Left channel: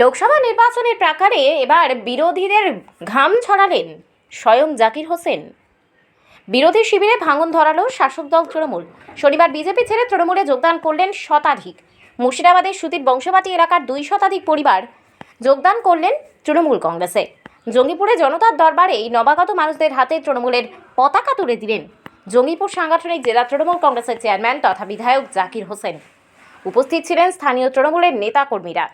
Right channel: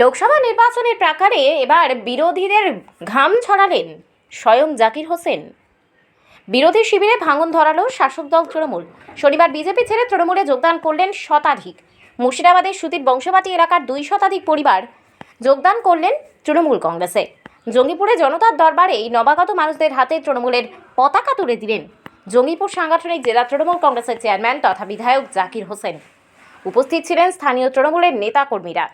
লোকসভা নির্বাচনের প্রাকারে এবার বিরোধীদের ঘাম ছড়ালেন স্বয়ং জাকির হোসেন। বিরোধী শিবিরে ভাঙন ধরালো শাসক দল তৃণমূল। শনিবার বিজেপি ছেড়ে তৃণমূলে যোগদান করলেন শতাধিক। মুর্শিদাবাদের সুতির বংশবাটি এলাকার দুই শতাধিক পরিবার যোগদান করলেন তৃণমূল কংগ্রেসে। জঙ্গিপুরে জনতার দরবারে এই নবাগত মানুষদের হাতে তৃণমূলের পতাকা তুলে দিলেন জঙ্গিপুর সাংগঠনিক জেলা তৃণমূল কংগ্রেসের চেয়ারম্যান তথা বিধায়ক জাকির হোসেন। উপস্থিত ছিলেন স্থানীয় তৃণমূলের নেতাকর্মীরা।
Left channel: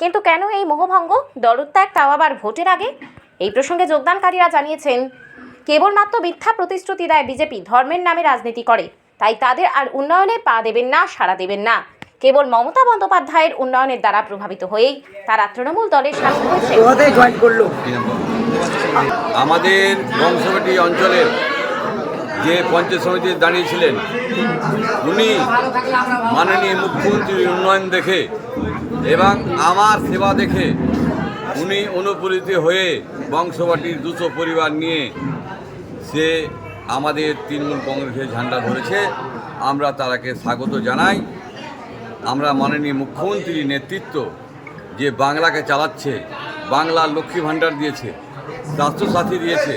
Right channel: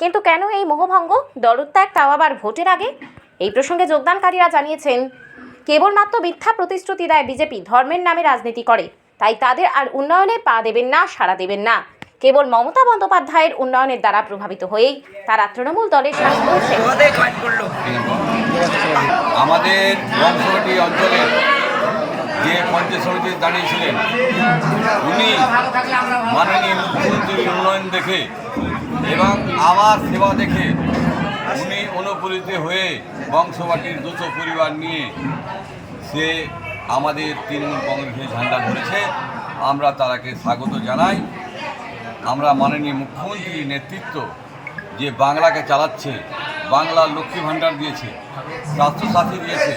কিন্তু কেন এই মোহভঙ্গ? দলত্যাগ তাও আবার ভোটের আগে? এই প্রসঙ্গে যোগদানকারীরা জানিয়েছেন, কেবলমাত্র মিথ্যা প্রতিশ্রুতি দেয় বিজেপি, ধর্মের নামে রাজনীতি করে। তাই তাদের আর উন্নয়নে পা দেবেন না, সাড়া দেবেন না। কেবল মমতা বন্দ্যোপাধ্যায়ের উন্নয়নের দ্বারা প্রভাবিত হয়েই তারা তৃণমূল দলের সামিল হয়েছে আমাদের বংশগটি অঞ্চলের যে পঞ্চায়েত সমিতি দাঁড়িয়েছিলেন, উনি মাননীয় মুখ্যমন্ত্রীর উন্নয়ন দেখে এবং আমার সেবা দেখে উনি অনুপ্রেরিত হয়ে বংশবাটির দুশো পরিবার নিয়ে সে আমাদের তৃণমূল কংগ্রেসের ঝান্ডা ধরেছে। আমরা তারাকে স্বাগত জানাই। আমরা মাননীয় মুখ্যমন্ত্রীর নেতৃত্ব যে বাংলাকে চালাচ্ছে, বাংলা লক্ষ্মী ভাণ্ডার দিয়েছে, স্বাস্থ্যসাথী দিয়েছে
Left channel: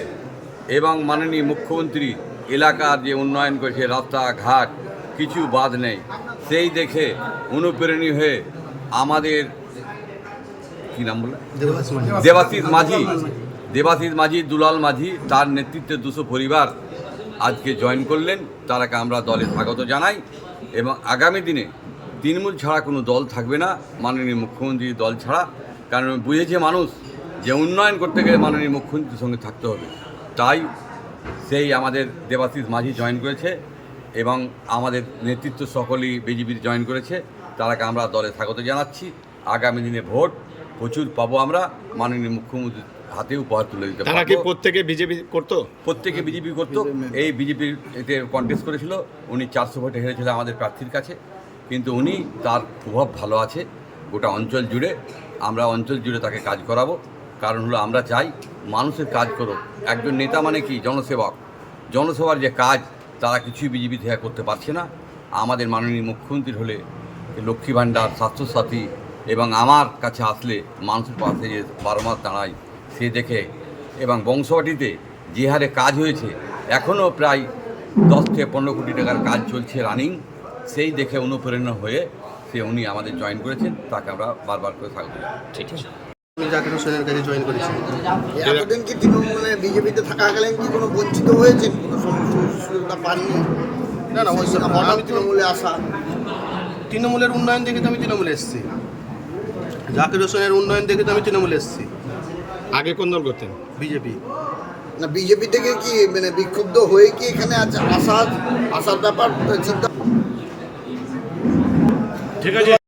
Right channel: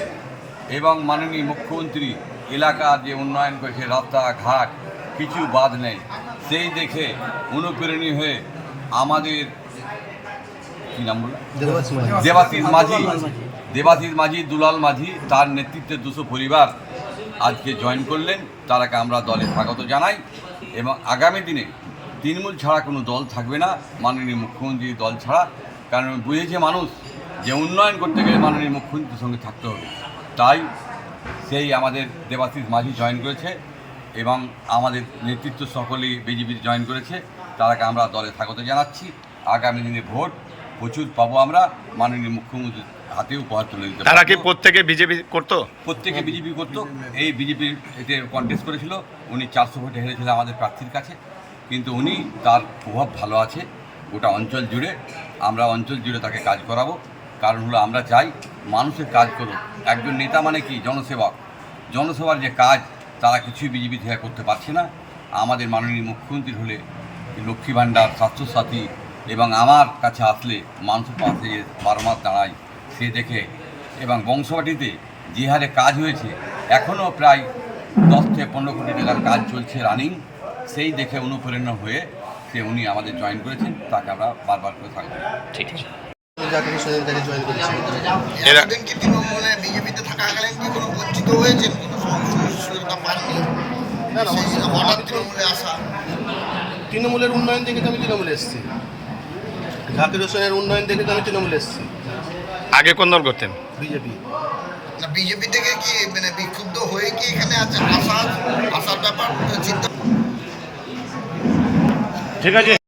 এবং মাননীয় মুখ্যমন্ত্রী এলাকার যে উন্নয়ন করেছে, রাস্তাঘাট, কিছু বাদ নেই, সেই দেখে অনুপ্রেরণী হয়ে আমাদের কী নাম বলে দেবাশিস মাঝি। দেবাশিস মাঝি। দুলাল মাঝি তার নেতৃত্বে দুশো পরিবার আজকে জয়েন করলেন। তারাকে আমরা দলে স্বাগত জানাই। এবং আগামী দিনে তৃণমূল ছাড়া কোনো দল থাকবে না মাননীয় মুখ্যমন্ত্রীর দল ছাড়া। কারণ বুঝেছে মানুষ যে উন্নয়ন করতে গেলে মাননীয় মুখ্যমন্ত্রীর সঙ্গে থাকতে হবে। তাই সেই আমাদের দেবাশিস মাঝি জয়েন করেছে এবং আমাদের নেতৃত্ব সকলেই বিজেপির জয়েন করেছে। তারাকে আমরা দলে স্বাগত জানাচ্ছি। আগামী দিনে ভোট প্রচুর পাবো আমরা। মাননীয় মুখ্যমন্ত্রীর হাতে উপহার তুলে দিতে তারা কি প্রত্যেকে বিজেপি করতো? প্রত্যেকে বিজেপি করতো। এই বিজেপির এতে কন্টেস্ট করেছিল। উনি চারশো ভোটে হেরেছিল আমাদের প্রার্থীর কাছে। কিন্তু উনি তার প্রভাব ভালো আছে। গোটা অঞ্চল জুড়ে আমরা অঞ্চল জুড়ে তাকে কাজ করাবো। কারণ হলো আমরা চাই মানুষের কাজ করো। একজন নেতা মানে কি? জনসেবক। জনসেবার যে কাজ তারা কিছুই বিজেপি থেকে করতে পারছে না। আমাদের মাননীয় মুখ্যমন্ত্রী হলে লক্ষ্মী ভাণ্ডার স্বাস্থ্যসাথী এবং আমার কাছে আসলে মানুষের পাশে যে বারো মাস দাঁড়ায় সে দেখে এবং বংশবাটিতে যে হারে কাজ হয়েছে এখনও প্রায় দশ থেকে পনেরো কোটি টাকার কাজ চলছে রানিং সেই দেখে অনুপ্রেরণা হয়ে সে উনি আমাদের জয়েন করেছেন তাকে আমরা বারবার করে থাকব ঠিক আছে। বিজেপিতে থাকাকালীন কি কোনো বঞ্চিত হয়েছেন? পাননি না না। হঠাৎ তৃণমূলে আসা। তৃণমূলের উন্নয়ন দেখে তো আমি তৃণমূলে এসেছি। জাকির হোসেনের উন্নয়ন দেখে তো আমি তৃণমূলে এসেছি। আগে কোন দল করতেন? বিজেপি। না বিজেপি থেকে কি মানে বিক্ষুব্ধ হয়ে কি এখানে আছে আসার আসার ব্যাপার চিন্তা ঠিক আছে।